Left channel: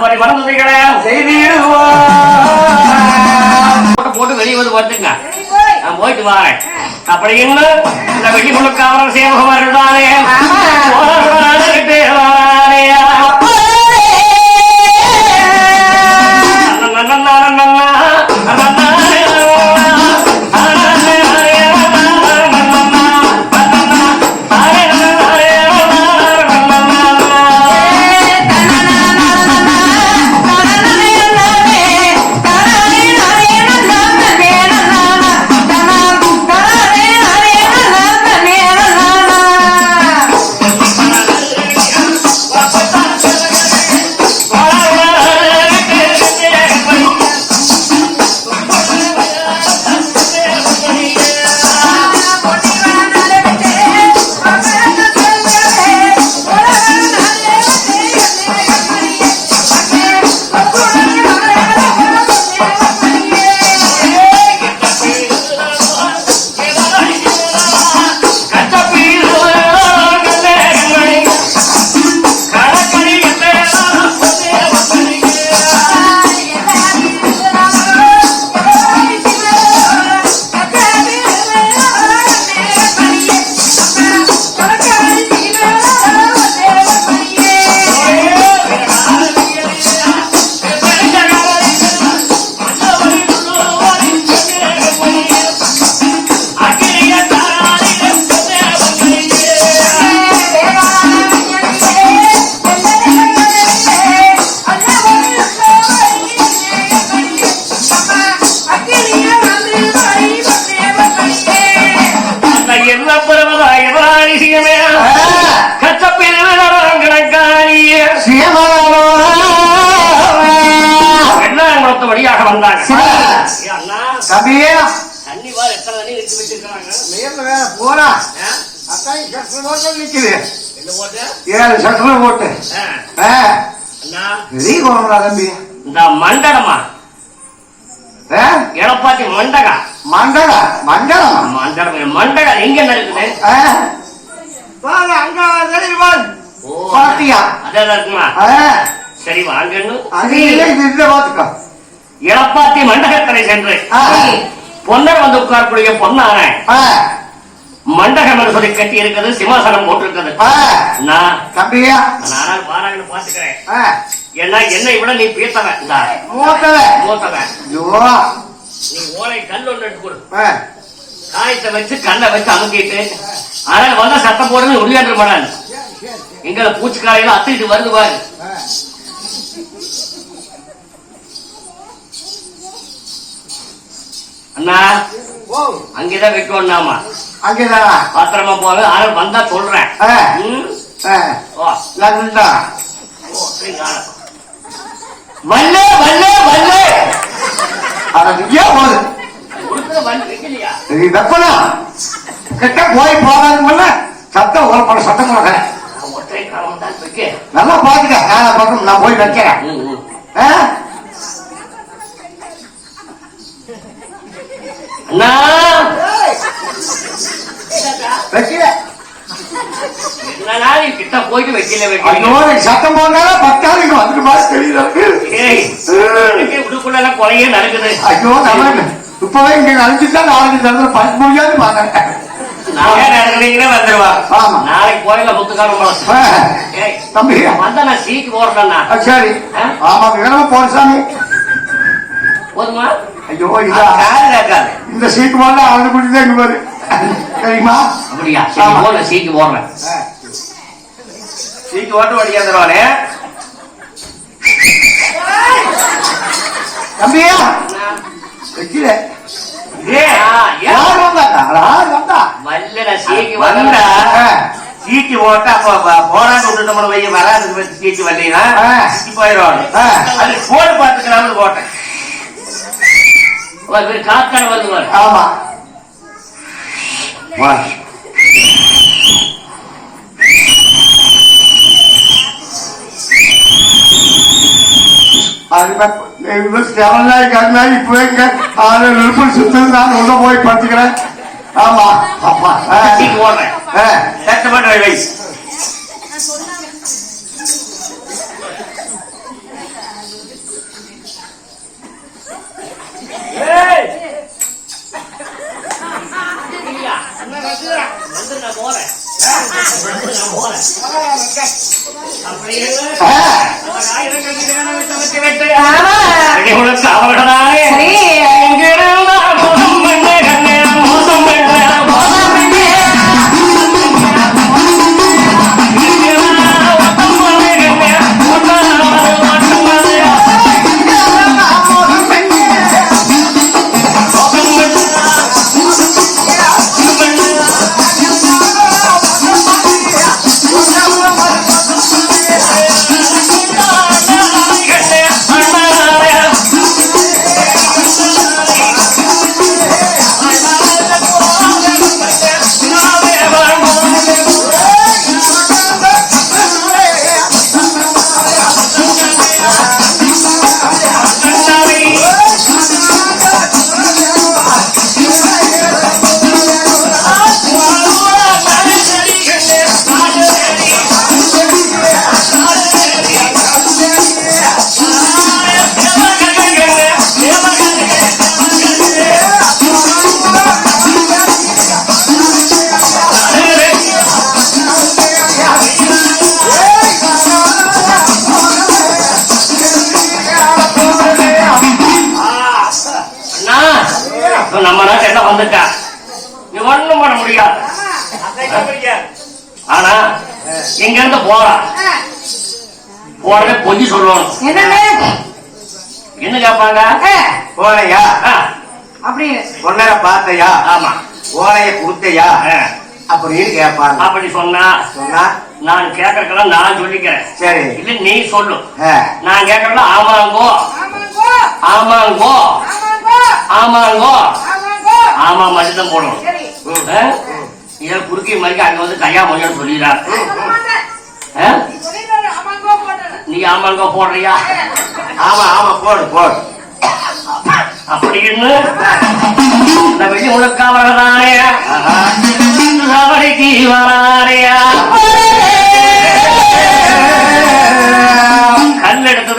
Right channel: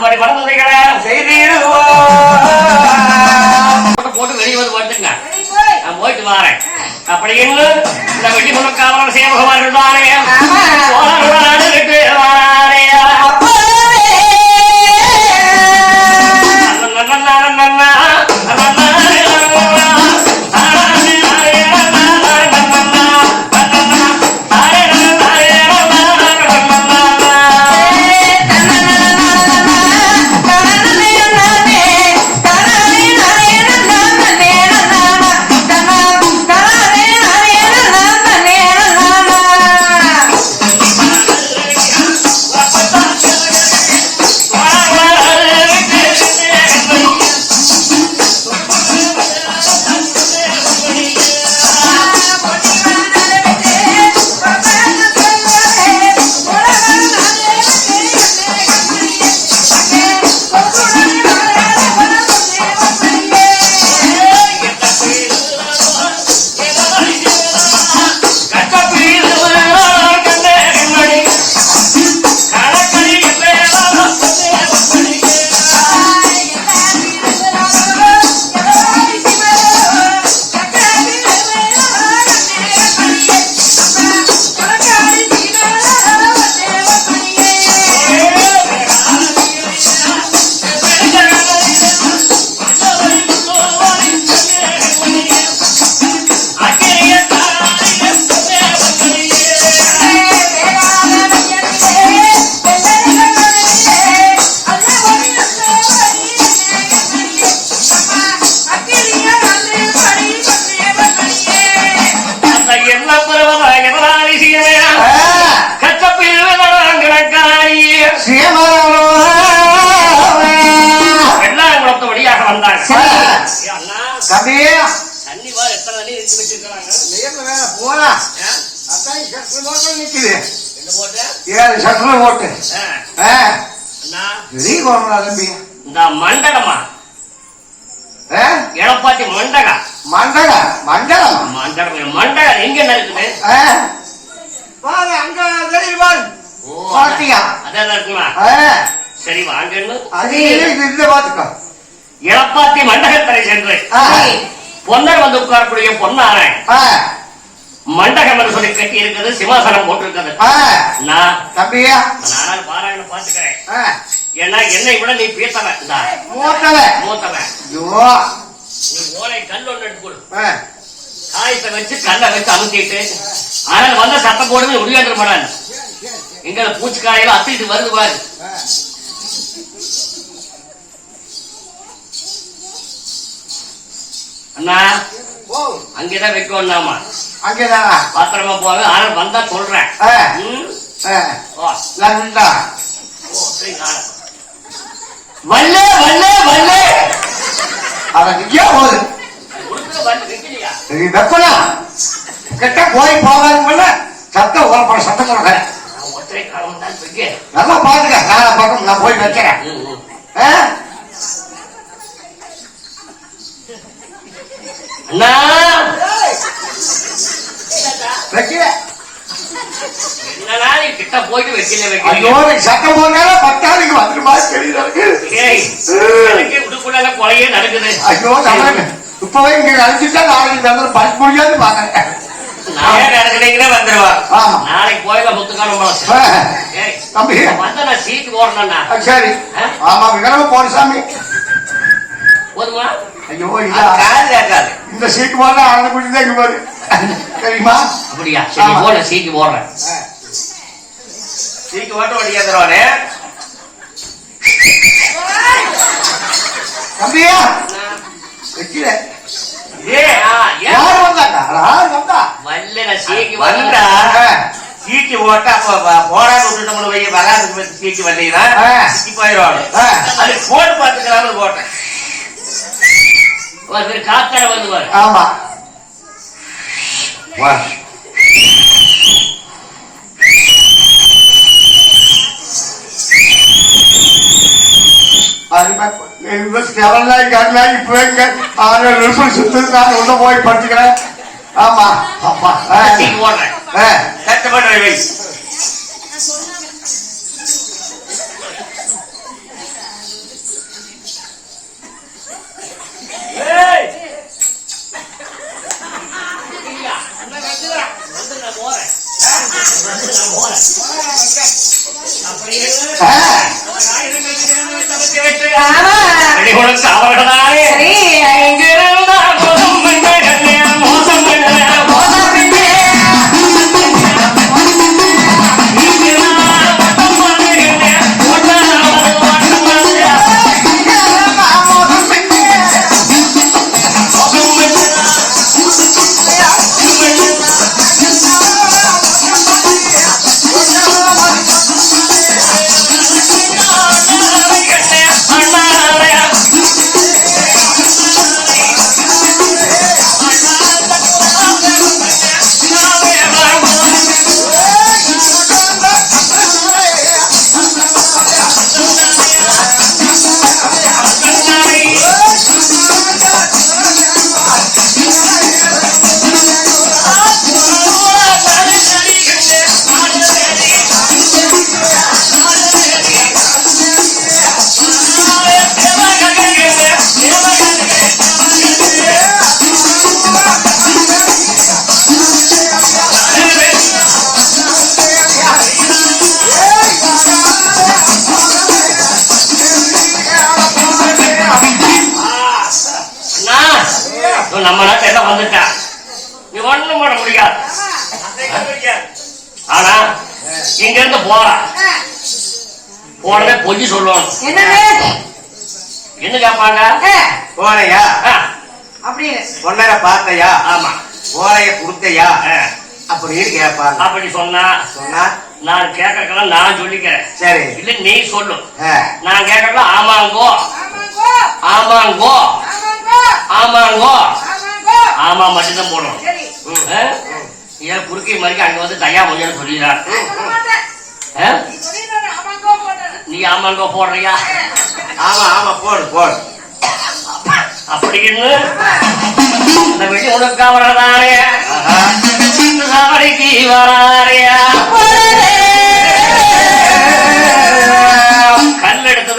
படி பறந்ததைகளை செய்திடுவோம் போட்டு வெளியே வந்து வந்துங்க நான் போயிட்டு வரேன். அப்படி இன்னும் இந்த வெட்டி முழுக்காமல் சேவகுமார்கள் தானே எத்தனை வச்சிருக்காங்க நேர்ல வேலை? அதான் சட்ரு போட்டு நிக்குது. என்ன போட்டு? ஏழு போட்டு. அண்ணா. தம்பி. இந்த ஆ, எடப்பாட்டி மண்டகா? மண்டலம் மண்டலம் மண்டகம் மண்டகம் எங்க இருக்குது? வாங்க அங்க தெரியுது பாரு ஓ பாத்தியா? அதான் இருக்குமா? சரி வாங்கன்னு அது இந்த பாத்துக்கோ. எடப்பாட்டி மண்டகத்தரை சென்று. பொன்னர் வந்து உட்காரக்கூடிய பொன்னான ஆ, மண்டகம் என்று சொல்லி கட்டி இருக்குது சிம்மாசனம் போட்டிருக்கிறது. நான் தம்பியா. நானும் பாராயணம் பாத்துக்கிறேன் ஏன்னா என்னை விட நீ பேசவன். மூத்தவன். மூத்தவன். நீ ஓலை கல் ஒன்று எடுத்து கொடு. காயத்தை வச்சு கல்லை வச்சு அமுக்கிட்டு ஆனா வந்த சத்தம் போடுறது முடியாண்டு மாட்டான் எங்களை பூச்சிக்காலையில அத்திட்டு வருது பாரு. அண்ணா அங்கேதான் வைக்கணும் நாம. அங்கேதான். பாத்திரமா போக ஆள் வந்தா சொல்றேன். வல்லே வல்லே வல்லே கிட்ட போய் போகாதுங்கள சத்தம் ஓரப்பட சத்தம் நல்லா பாத்துக்க. நான் போய் வைக்கிறேன். நீ கிட்ட போயிட்டு வைக்கல வைக்கல. நீ சத்தம் போட்டாலும் பத்தாளுக்கு எனக்கு உள்ளுக்குள்ள கொலையே நடக்குது. ஐயோ இப்பவே இங்க அழிஞ்சுட்டா நாளைக்கு தந்திரம் பார்க்க முடியாது. நாளைக்கு கோயில தம்பி. வந்தா நான் சீட்டு சரி. ஆமா போற சாமி. போதுமா ஐயோ அது இதா காது கேட்காது இந்த சீக்கு மேல ஆளு குடி தான் இங்க பாரு தெரியுமா அப்படியா சரி. போன சீக்கு போடுறேன் சீக்கு ஓட்டு வடிக்காதுவானே தம்பி. வந்தா சீட்டு சீட்டு வரலைன்னா ஆ. சிக்கி போயிடுவாங்க ஆ. அது போட்டு பார்த்துக்கலாம்னு போட்டேன் ஒரு பேர் வந்து பாரு ஆமா. வா ஸ்டெரலாய் கரலாய் போய்ங்க ஆறு நிமிஷம் நான் போறேன் அப்படியே அவகடனா பொய் சொல்லணும். என்ன போலையா ஆ, அப்படின்னு. பொன்னரை பார்த்தையா? ஆமா. ஓலைய கொடுத்தையா? அப்படின்னு கேட்பாங்க அப்படி சொன்னா? சொன்னா? நான் கேட்கறதுக்கெல்லாம் நான் சொல்லிக்கிறேன். சரி. இல்ல நீ சொல்லு. நான் கேட்கறது ஆமாங்கோ. ஆமாங்கோ. ஆமாங்கோ. ஆமாங்கோ. ஆமாங்கோ. ஆமாங்கோ. ஆமா மட்டும்தான் போடணும்? ஏன் குறுக்கி மணிக்கு அங்க வந்து தையா மொழின்னு சொல்லிடுறா. சொல்ல மாட்டேன் ஆ? நீ ஆமாங்க போடுறியா? ஆமா ஆமா போடு போடு. அப்படின்னு இந்த வெளி உனக்காவதாரியா அவரைக்கு வாரியா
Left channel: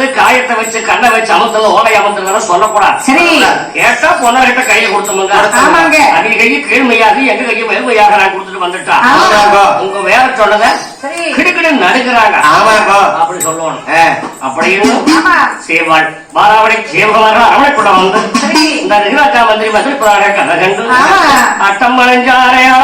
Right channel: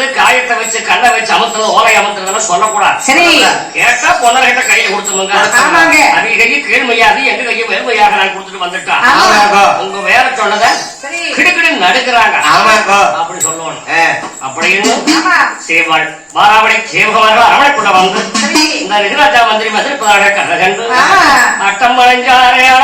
எடுத்தது காயத்தை வச்சு கண்ணை வச்சு அமுத்தல ஓலை அமுத்தல சொல்லக்கூடாது. சரி. கேட்டா பொண்ணகிட்ட கையை கொடுத்தவங்க ஆமாங்க. அவங்க கையை கீழ்மையாது எங்க கையை மேல்மையாக நான் கொடுத்துட்டு வந்துட்டா. ஆமாங்க. உங்க வேற சொன்னத சரி. கிடுக்கிடு நடுக்கிறாங்க அப்படி சொல்லணும். ஆ, அப்படின்னு சேவாள் மாறாவளை கேவலாக அரவணைப்பட வந்து சரி. இந்த நிகராஜா மந்திரி மந்திரிப்பதாக கதை கண்டு ஆ. அட்டம் மறைஞ்சாரையாள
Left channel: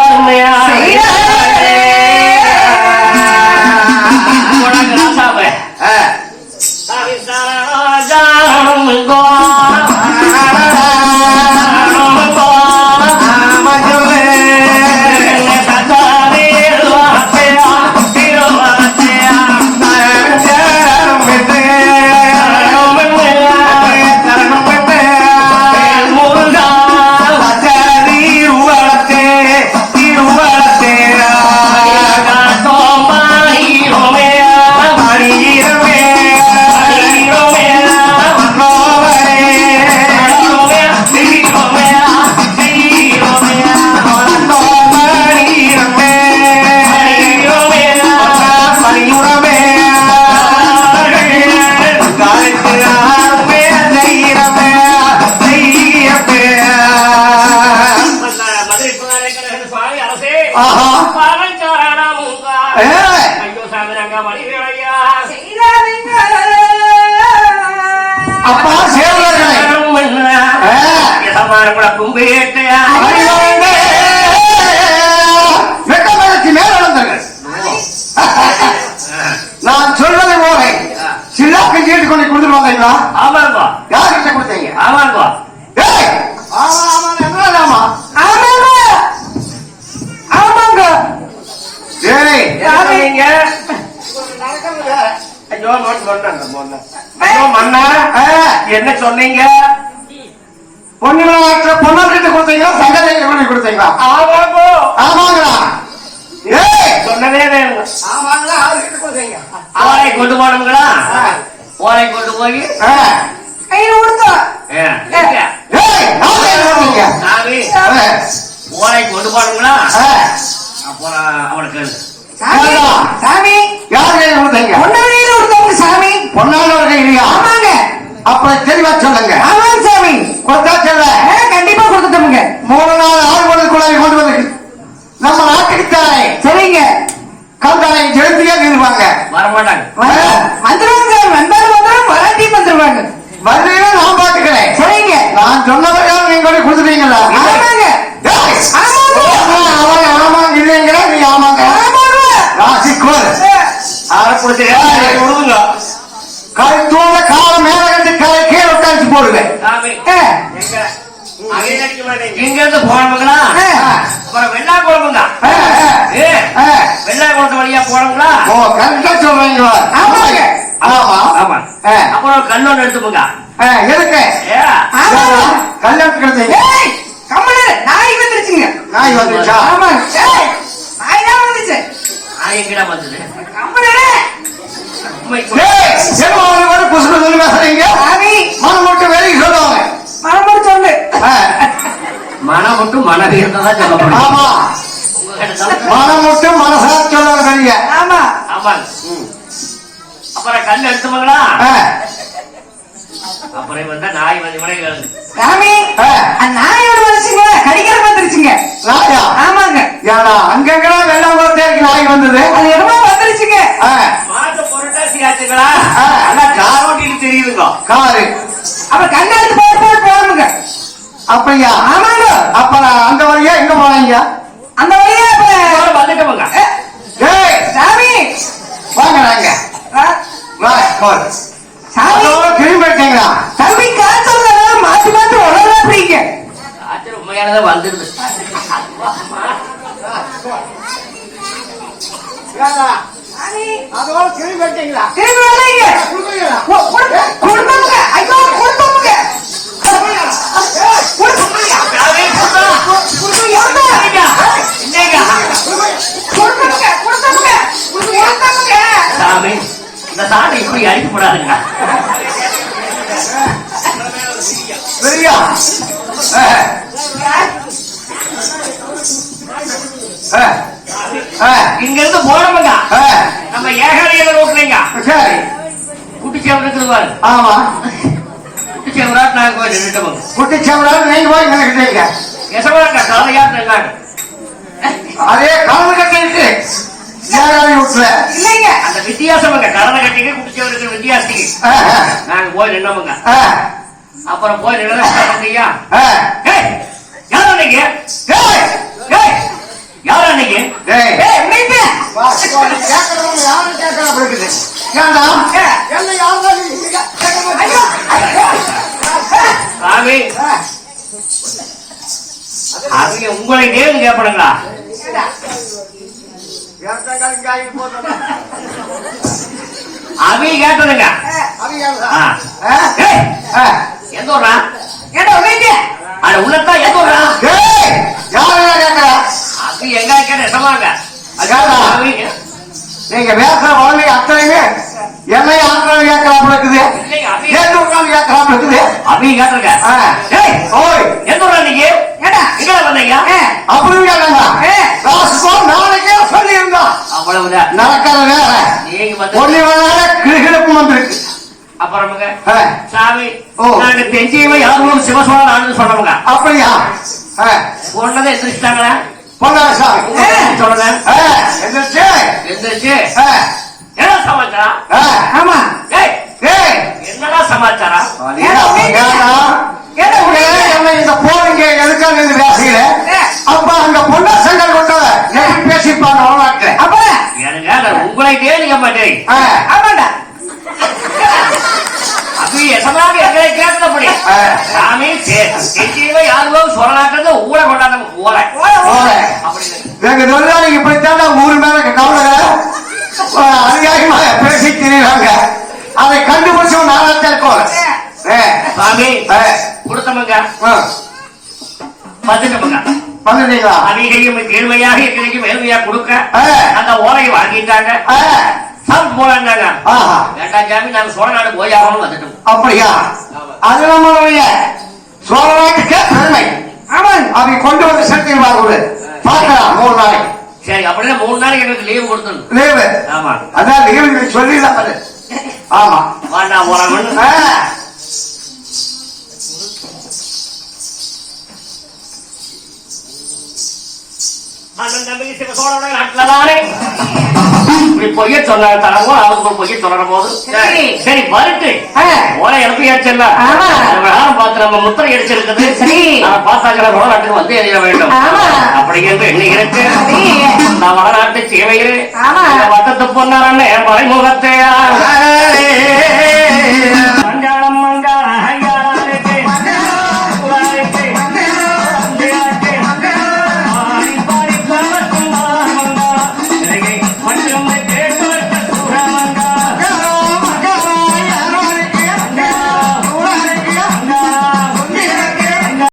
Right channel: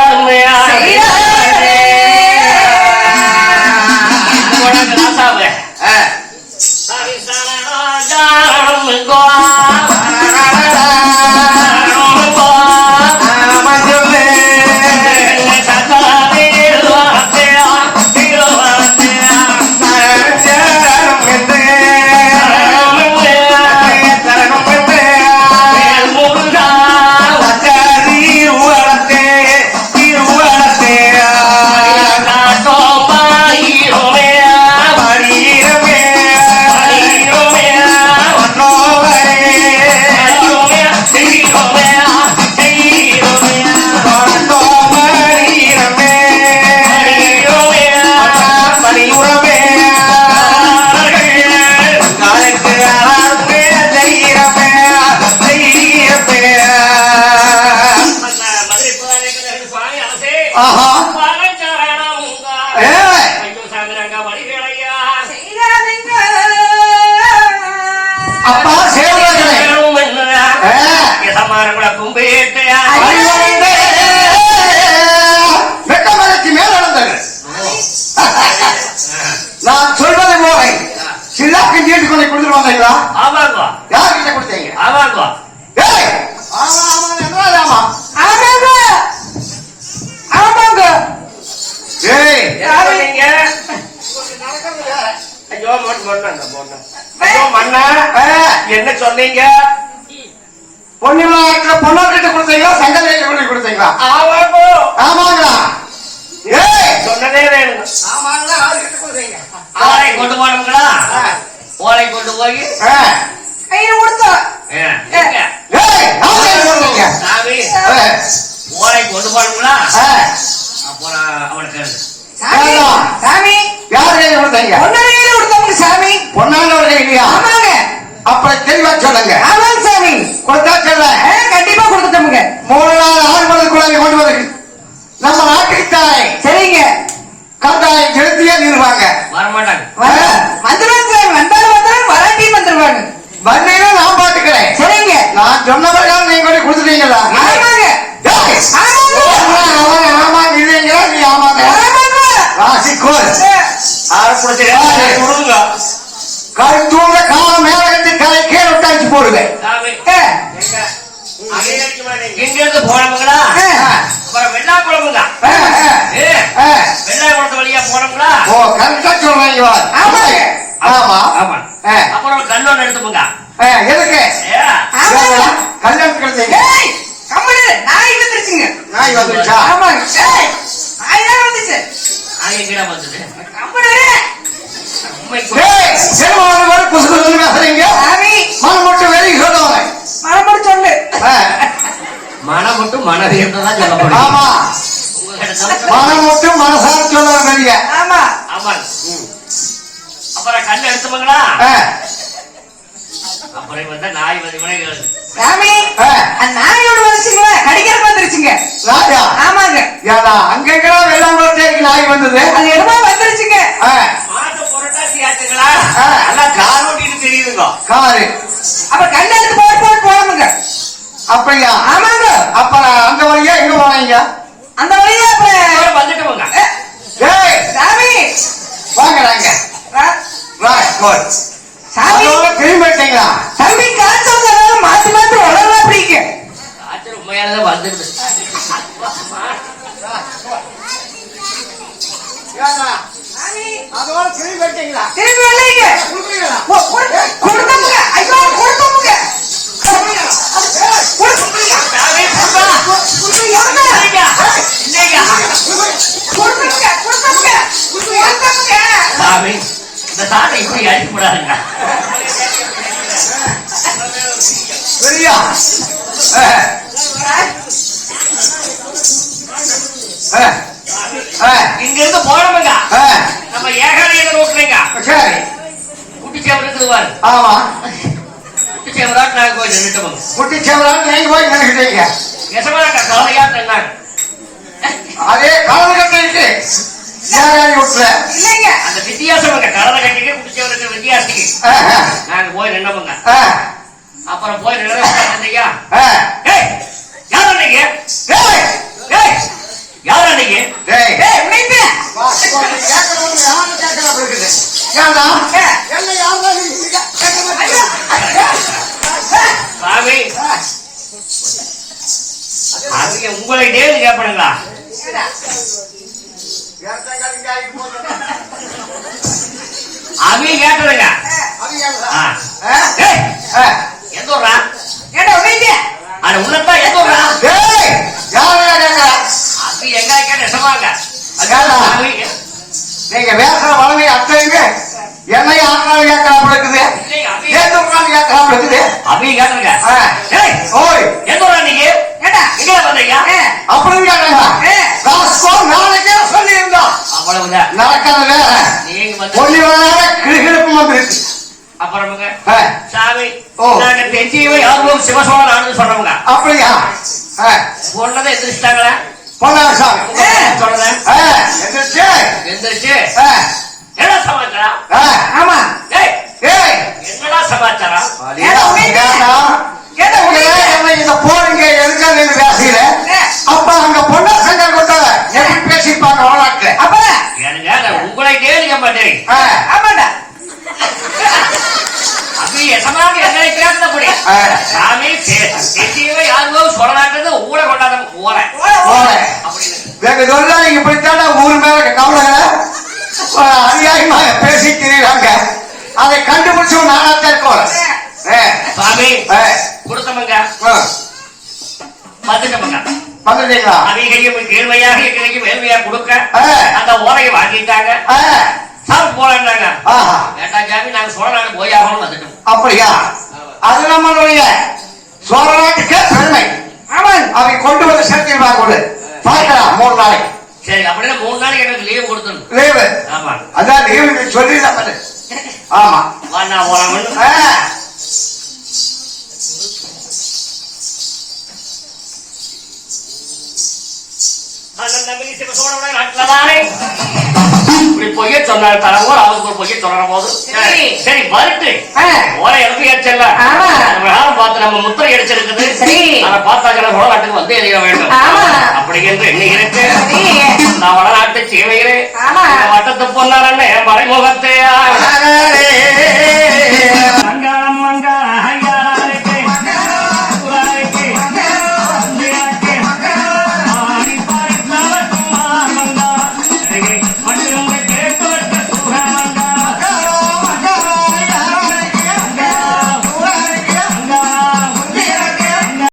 கும்பிட்டா நான் சொல்றது போல சிலாக்கு நீட்டு கொண்டு கொடுத்துருவாங்களா வந்தீங்களா ஆமாங்கோ யார்கிட்ட கொடுத்தீங்க ஆமா ஆமா என்ன ஆமா ஆமாங்க ஆமாங்க ஏய் யாரு நீங்க ஐயோ மொன்ன என்ன சொன்னீங்க? பொண்ணு நாட்டுல பொண்ணாக்கிட்ட கொடுத்தீங்களா? சங்கரை கொண்டு கொடுத்தீங்களா? ஆமாங்கோ. ஆமாங்களா ஆளை கொண்டு போனோங்களா ஓலை கொண்டு போய். கையில கொடுத்தோம் ஓலை கொண்டு போனோங்களா அப்புறம் அவனுக்கு சாமி சாமி. யார்கிட்ட இருப்பாங்க வரமாட்டாங்க. வந்துருவாங்க. வந்தாலும் வந்தாலும் வராட்டி வந்துருவாங்க. வந்தீங்கன்னா நான் பாத்துக்கிறேன் சரிங்க. போடுவேன் எதுக்கு. கல்யாணத்துக்கு எடுத்தீங்க நாய் வந்துருச்சுங்க. நாய். ஏய், நாய் தான் வந்துச்சு. நாய் எங்கடா மனம் மட்டும் வேலைக்கு சொல்லுவாங்க. மறுபடியும் சொல்லு. ஆ, மனம் மட்டும் மனது தான் சொல்லப்படும் மனம் மட்டும் மனசார சொல்லுவாங்க அப்புறம் கல் எடுத்துவங்களா அப்புறம் வந்து நாய் வந்து வினைகள் சாமி, ஆ. அந்த நாயோட வந்துச்சுங்களே, கடிக்கிறதுக்கு வந்துருச்சுங்க. ஆமாங்க. வெள்ளம் போட்டே இருக்கு நாய் வந்தது அது என்னமோ வந்துருச்சுங்க. மாட்டு புரட்டாசி ஆச்சுங்களா ஆ. எல்லாம் கார் ஓட்டிட்டு தெரியுதுங்க காரு அப்ப கண்ணை எடுத்து போட்டு போட்டு போடுங்க. அப்படியா ஆமாங்க. அப்ப அந்த வழியா எங்க போனீங்க அந்த வழியா அப்ப வந்துட்டோமுங்க சாமி வாங்கடாங்க ஆ, வா சாமி அதோட அதோட திரும்பிட்டீங்களா? திரும்பி வரலைங்க ஐயோ. சாமி இந்த சாமி இப்படி அழிக்கப்படாதுங்க இங்க இருந்து போனவங்க நம்ம ஏகாலையில ரோட்லைங்க சரி. பாரு ஆமா. குட்டிச்சேவன் ரோட் நாங்க போய் நின்றுட்டோம் குட்டிச்சவரால் நீங்க போய் எசமாட்டா தலையா இருந்தாங்க அதே கால கட்டிட்டு ஏகாதி விட்டுல இல்லைங்க. அந்த வித்தியாசம் கடலை கட்டிக்கு குட்டிச்சேவனுக்கு வித்தியாசத்துக்கு நாங்க போய் நின்னவங்க. அப்புறம் போய் ரெண்டு எந்த ஊரா டேய் யாரா கேட்கற அவங்க எங்க கேட்ட சொன்னாங்க. அது அவங்க நீங்க பேசுற வளமை அத்தனைங்க என்னை ஆத்திரம் கேட்கறாம இருக்குது. ஏன் உட்காந்து கேட்கறாம இருக்குது? அவங்க கேட்டுருங்க. ஏய் ஓய். ஊரா நீங்க எங்க வந்தீங்க? அப்படின்னு கேட்டாங்க சொல்லியிருந்தோம் அவ்வளவுதான். நடக்காத ஒண்ணு ஒண்ணு கிடுகிடுப்பு வந்துருக்கு. அப்புறமுங்க. ஆ, சாமி ஓ. தெஞ்சியவை யாரும் சிவசோழன் ஆனது சொல்றவங்க. அப்படியா? ஆ, பொண்ணதை எந்திரிச்சிட்டாங்களா பொங்கல் சாமி சொல்றேன் எந்திரிச்சு. எந்திரிச்சு. என்ன சமாச்சாரம்? ஆமா. என்னடா சமாச்சாரம்? போறீங்க எதுக்காக பேசுகிறேன் அப்ப உங்க பொண்ணு சங்க கொண்டு பேசிப்பாங்க வரலாற்று. அப்பா. எனக்கு உங்களை மாட்டேன். ஆமாடா. அது எசமாக எங்களை கேட்டபடி. சாமி தெஞ்சியவை யாரும் சொல்லலாட்டது ஊரை கொண்டாட்டம் ஊரை. போங்க. அப்படின்னு எங்க தொழிலாளி இப்படித்தான் ஊர் மேல கவலைகளை? அதிகாரிகள பேசி திரிகிறாங்க அதை கண்டுபிடிச்சு நாளாத்தான் இருப்போம் சாமி கொடுத்தவங்க பார்த்துட்டவங்க வந்துட்டீங்களா அதிகையும் கீழ்மையாக எங்களுக்கு மேல்மையாக கொடுக்க. அந்த ஓலையை வாங்கிட்டாங்க. போலான்னாங்க ஆஹா, வேண்டாம் சாமி நாங்க சோழ நாடு போய் ஆகணும் வந்துட்டோம். அப்படியா? அது நம்மளுடைய சோழநாட்டுக்கு பெருமை. ஆமாங்க அவை கொண்டு வந்து சேர்த்திருவாங்க பார்க்கலாம் மூணு நாளைக்கு. சரி அப்படின்னா மூணு நாளைக்கு எனக்கு லீவு கொடுத்துணும் லீவு ஆமா. அதான் லீவு அது. ஆமா. வாண்டா ஆ, அண்ணன் தம்பி இப்படி பொய்ய சொன்னாங்க தரவும் அவருக்கு ஒரு பொய்ய சொல்ற போது சரி. வரட்டு எழுப்பி அடிச்சல ஆமா. பார்த்து நம்ம முத்திரை அடிச்சிருக்குது சரி. அதை பார்த்தாச்சும் வடநாட்டுக்கு வந்து எறிய வேண்டும் ஆமா. அப்படி என்று எண்ணுகிறது சரி. நான் வடநாட்டு. இந்த வட்டத்து பொன்னாரண்ணே மறைமுகத்தை